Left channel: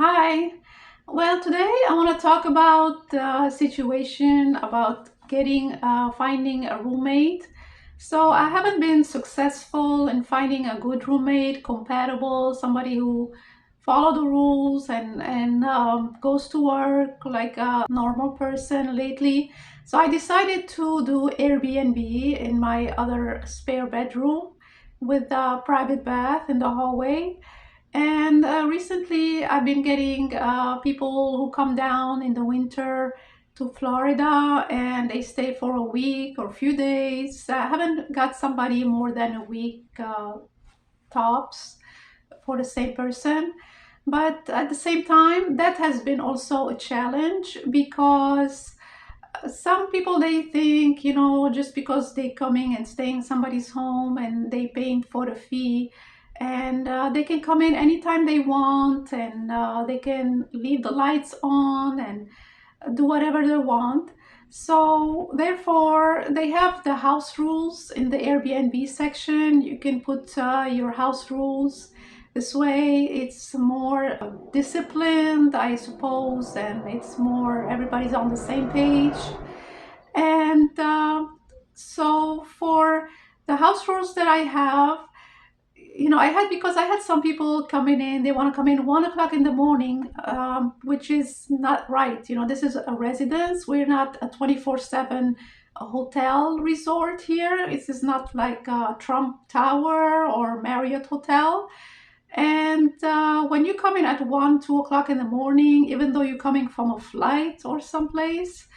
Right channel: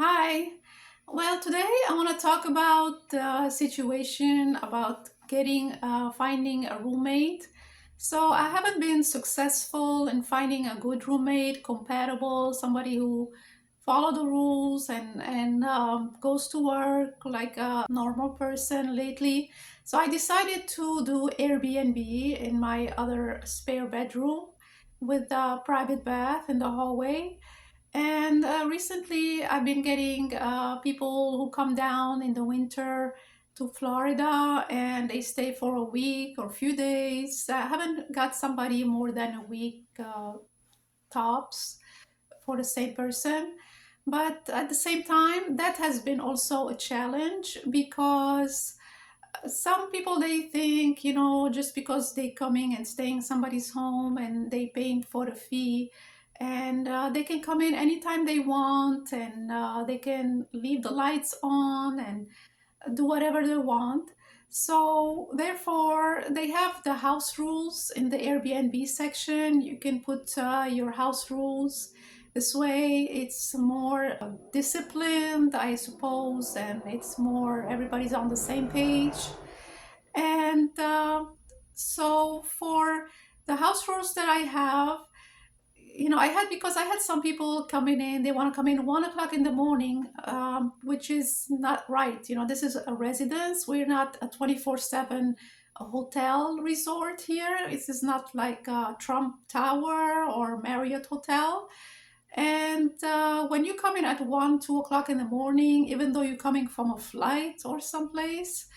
Hi. Well, today I want to talk about the situation about finding a roommate. So I haven't been successful in finding a good roommate, compatible, somebody who follow the rules and goes to work like a normal person lately. So I decided to do Airbnb in my other spare bedroom with a private bath in the hallway. And recently, I've been getting people who come down in the winter to Florida and they stay for a week or a few days. I haven't got somebody more than a week tops for the same person. But at the same time, that has been also a challenge because some people they think, just because they coming and staying in somebody's home and they paying for the fee and they can come in anytime they want and they can leave the lights on and do whatever they want. So therefore they have the house rules in the Airbnb section. You can put your house rules. This way it's more disciplined, I suppose, and it's more everybody's on the same page. And so for the house rules that I have, because I had some people coming in, they want to come in 1 o'clock in the morning, which is not right. This is a residence. We're not a 24/7 hotel resort here. This is not like a Trump Tower or Marriott Hotel. And when you come in at 2 o'clock in the morning, even though you're coming from a flight or someplace,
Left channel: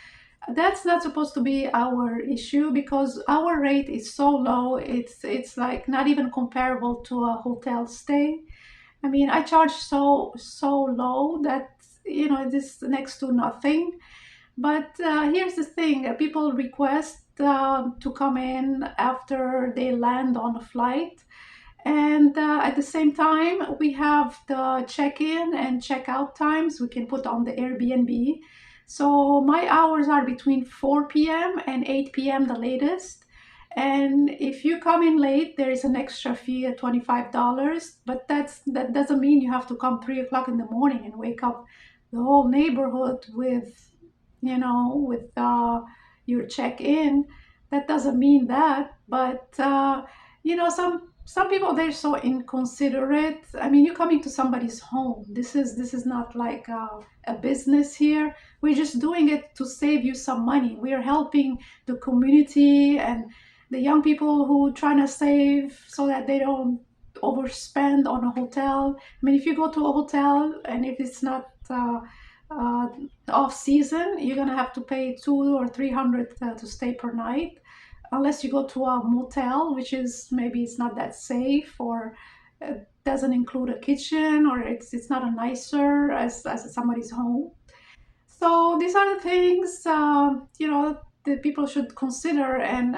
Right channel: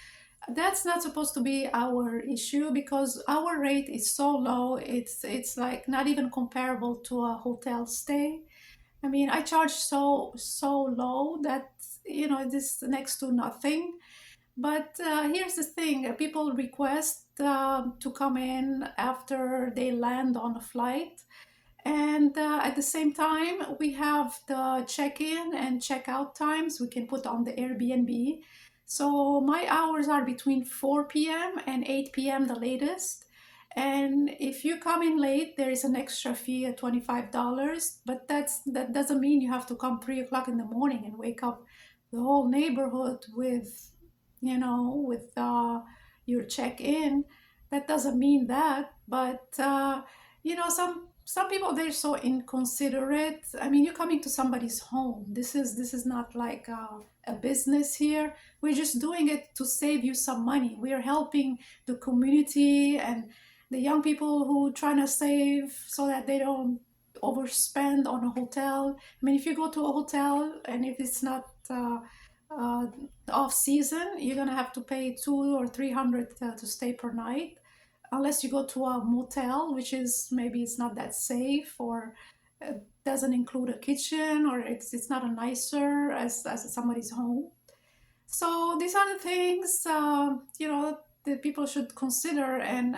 that's not supposed to be our issue because our rate is so low. It's like not even comparable to a hotel stay. I mean, I charge so low that this next to nothing. But here's the thing: people request to come in after they land on a flight, and at the same time, we have the check-in and check-out times we can put on the Airbnb. So my hours are between 4 p.m. and 8 p.m. the latest. And if you come in late, there is an extra fee of $25. But that doesn't mean you have to come 3 o'clock in the morning and wake up the whole neighborhood with your check-in. That doesn't mean that. But some people they're so inconsiderate. I mean, you're coming to somebody's home. This is not like a business here. We're just doing it to save you some money. We are helping the community and the young people who trying to save so that they don't overspend on a hotel. I mean, if you go to a hotel and if it's not uh, off season, you're gonna have to pay 200 or 300 to stay per night, unless you go to a motel, which is maybe it's not that safe or doesn't include a kitchen or it's not a nicer as somebody's home. So these are the things that people should consider and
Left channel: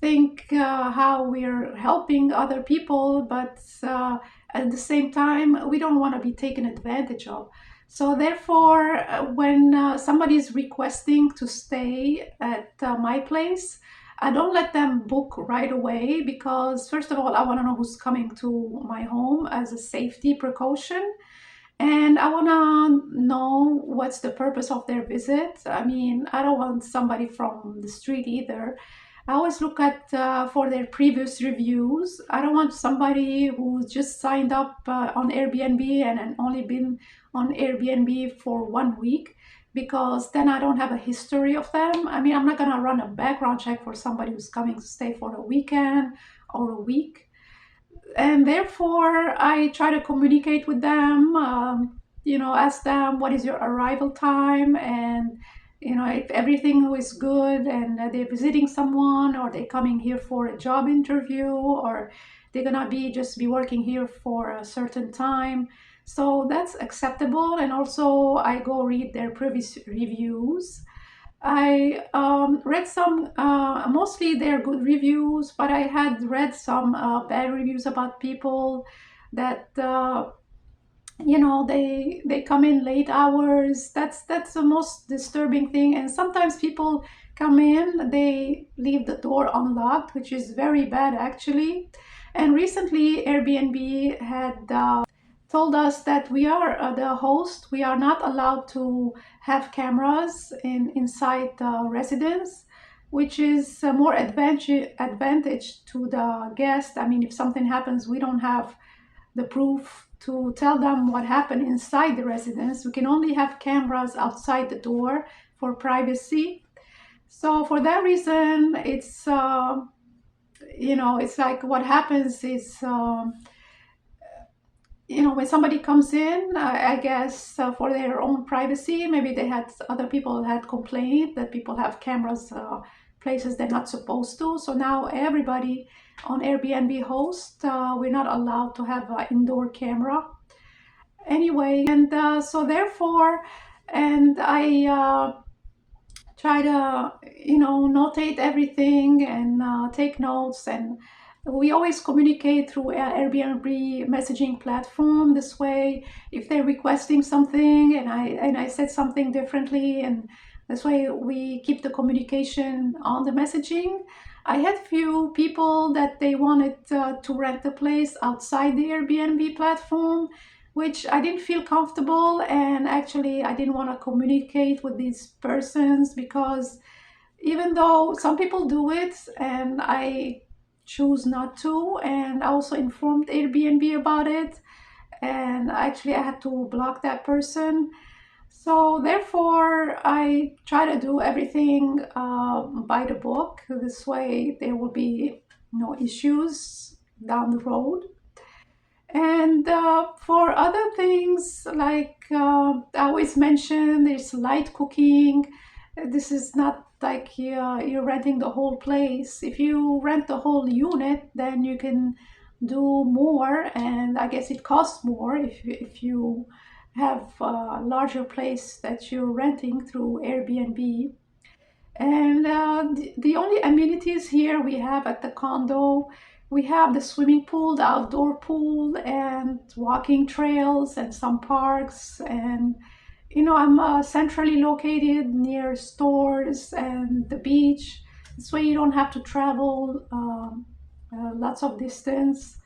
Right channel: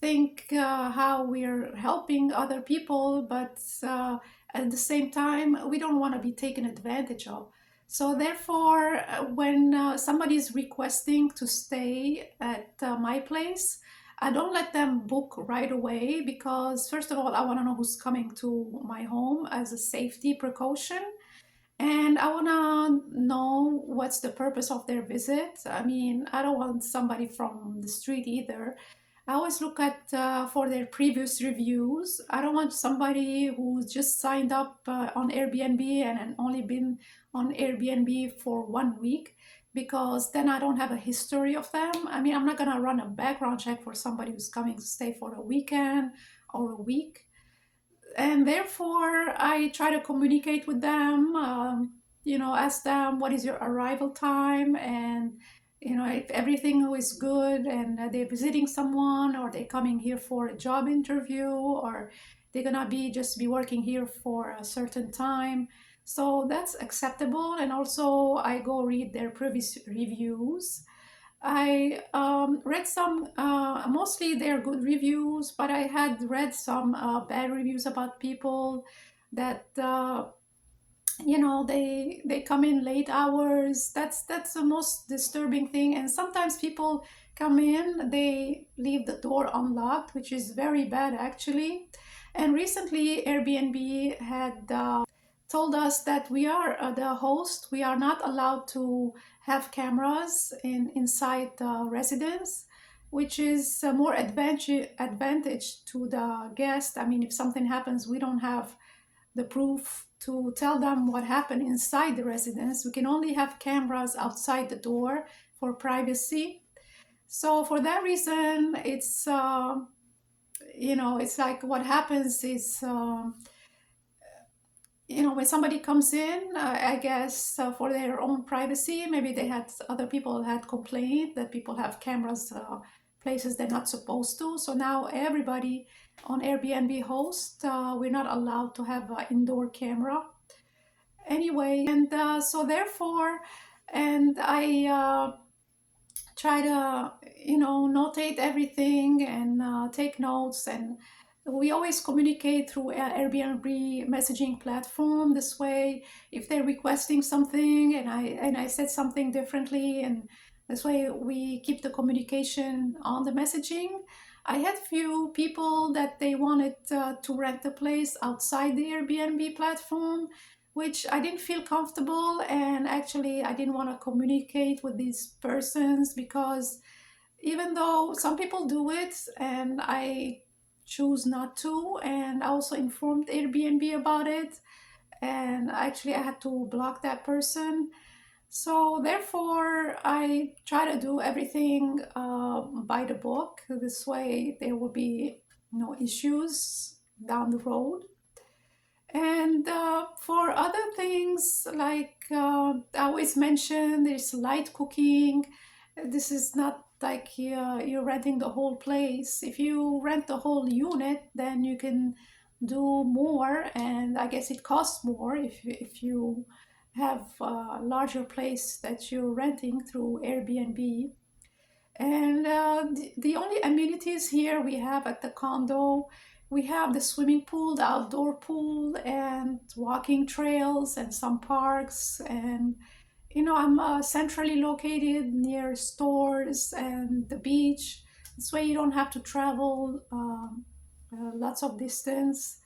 think how we're helping other people, but at the same time, we don't want to be taken advantage of. So therefore, when somebody is requesting to stay at my place, I don't let them book right away because, first of all, I want to know who's coming to my home as a safety precaution. And I want to know what's the purpose of their visit. I mean, I don't want somebody from the street either. I always look at for their previous reviews. I don't want somebody who just signed up on Airbnb and only been on Airbnb for 1 week because then I don't have a history of them. I mean, I'm not going to run a background check for somebody who's coming to stay for a weekend or a week. And therefore I try to communicate with them, ask them what is your arrival time, and if everything is good and they're visiting someone or they're coming here for a job interview or they're gonna be working here for a certain time. So that's acceptable, and also I go read their previous reviews. I read some, mostly they're good reviews, but I had read some bad reviews about people that they come in late hours. That's the most disturbing thing. And sometimes people come in, they leave the door unlocked, which is very bad actually. And recently, Airbnb had told us that we are the host. We are not allowed to have cameras inside the residence, which is more advantage to the guest. I mean, if something happens, we don't have the proof to tell them what happened inside the residence. We can only have cameras outside the door for privacy. So for that reason, it's like what happens is, when somebody comes in, I guess for their own privacy, maybe other people had complained that people have cameras places they're not supposed to. So now everybody on Airbnb host, we're not allowed to have an indoor camera anyway. And so therefore, and I try to notate everything and take notes, and we always communicate through Airbnb messaging platform. This way, if they're requesting something and I said something differently, and this way we keep the communication on the messaging. I had few people that they wanted to rent the place outside the Airbnb platform, which I didn't feel comfortable, and actually I didn't want to communicate with these persons, because even though some people do it and I choose not to, and I also informed Airbnb about it, and actually I had to block that person. So therefore I try to do everything by the book. This way there will be no issues down the road. And for other things, like I always mention, there's light cooking. This is not like you're renting the whole place. If you rent the whole unit, then you can do more, and I guess it costs more if you have a larger place that you're renting through Airbnb. And the only amenities here we have at the condo, we have the swimming pool, the outdoor pool, and walking trails and some parks. And I'm centrally located near stores and the beach. This way you don't have to travel lots of distance.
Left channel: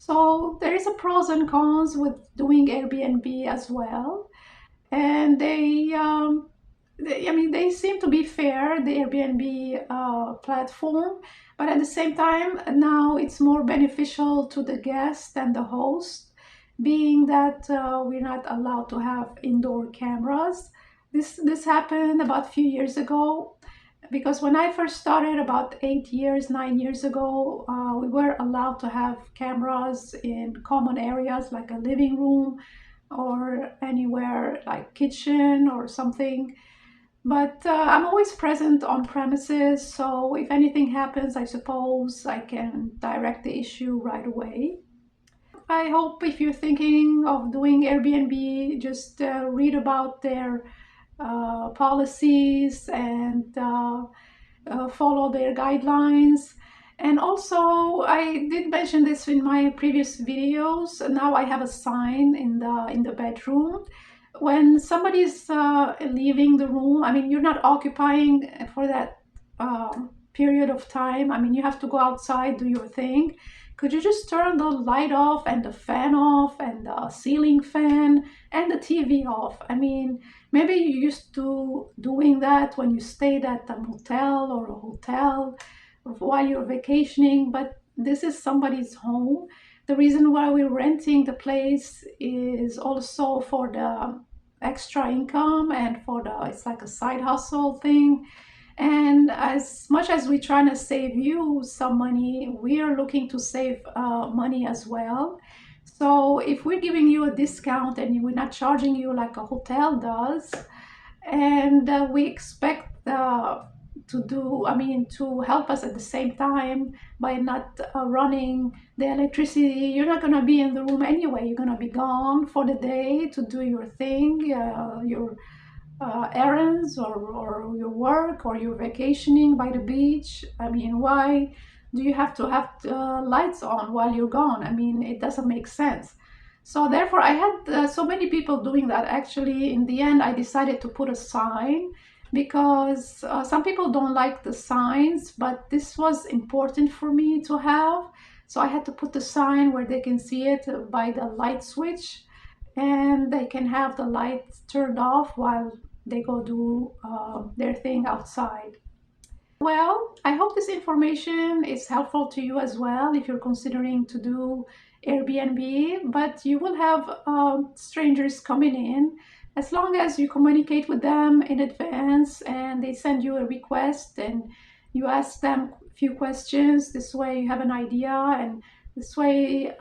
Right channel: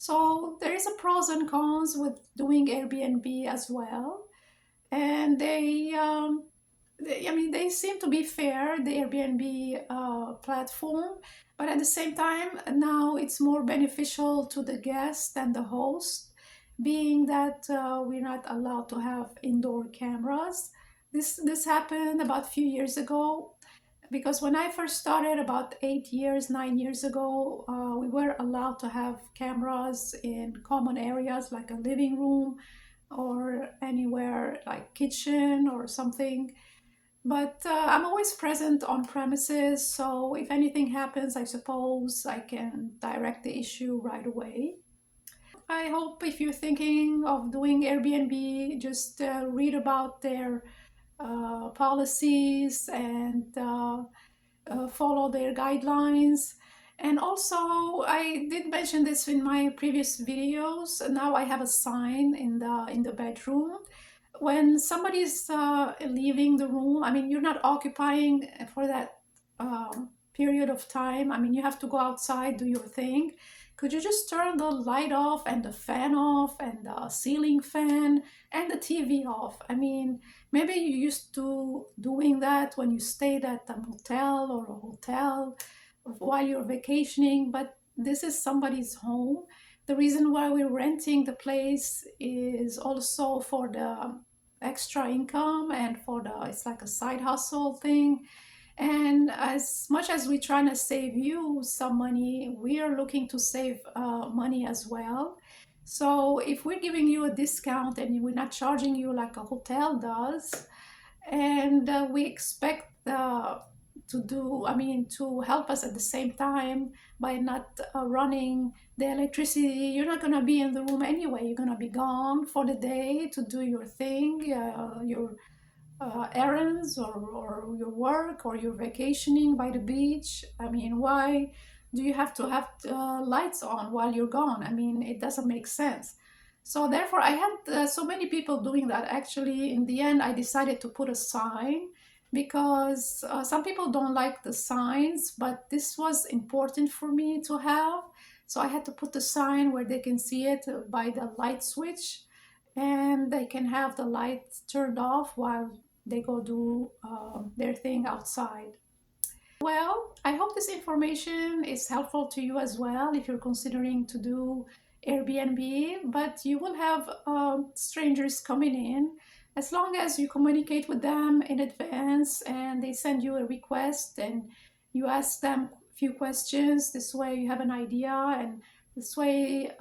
So there is a pros and cons with doing Airbnb as well. And I mean, they seem to be fair, the Airbnb platform, but at the same time, now it's more beneficial to the guest and the host, being that we're not allowed to have indoor cameras. This happened about a few years ago, because when I first started about 8 years, 9 years ago, we were allowed to have cameras in common areas like a living room or anywhere like kitchen or something. But I'm always present on premises, so if anything happens, I suppose I can direct the issue right away. I hope if you're thinking of doing Airbnb, just read about their policies and follow their guidelines. And also, I did mention this in my previous videos. Now I have a sign in the bedroom. When somebody's leaving the room, I mean, you're not occupying for that period of time. I mean, you have to go outside, do your thing. Could you just turn the light off and the fan off and the ceiling fan and the TV off? I mean, maybe you used to doing that when you stayed at a motel or a hotel while you're vacationing, but this is somebody's home. The reason why we're renting the place is also for the extra income and for it's like a side hustle thing. And as much as we're trying to save you some money, we are looking to save money as well. So if we're giving you a discount and we're not charging you like a hotel does, and we expect to help us at the same time by not running the electricity. You're not going to be in the room anyway. You're going to be gone for the day to do your thing, your errands, or your work, or you're vacationing by the beach. I mean, why do you have to have lights on while you're gone? I mean, it doesn't make sense. So therefore, I had so many people doing that. Actually, in the end, I decided to put a sign, because some people don't like the signs, but this was important for me to have. So I had to put the sign where they can see it by the light switch. and they can have the lights turned off while they go do their thing outside. Well, I hope this information is helpful to you as well if you're considering to do Airbnb, but you will have strangers coming in as long as you communicate with them in advance and they send you a request and you ask them a few questions. This way you have an idea, and this way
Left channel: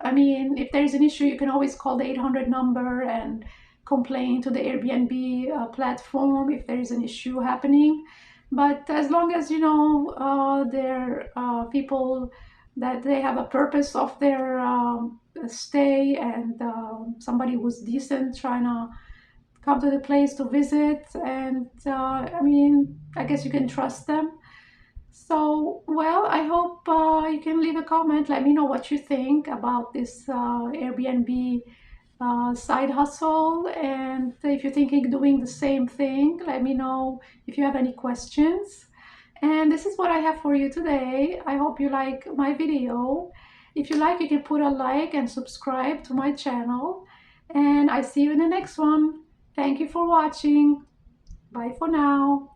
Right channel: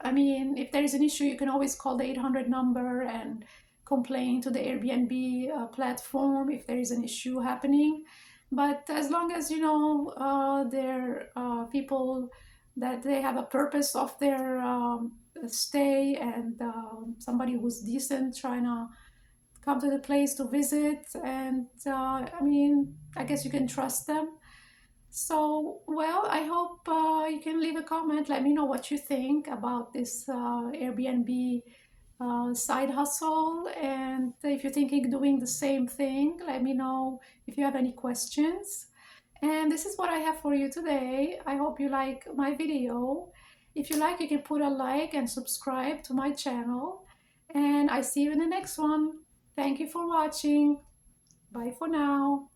I mean, if there's an issue, you can always call the 800 number and complain to the Airbnb platform if there is an issue happening. But as long as you know they're people that they have a purpose of their stay, and somebody who's decent trying to come to the place to visit, and I mean, I guess you can trust them. So, well, I hope you can leave a comment. Let me know what you think about this Airbnb side hustle. And if you're thinking doing the same thing, let me know if you have any questions. And this is what I have for you today. I hope you like my video. If you like, you can put a like and subscribe to my channel. And I see you in the next one. Thank you for watching. Bye for now.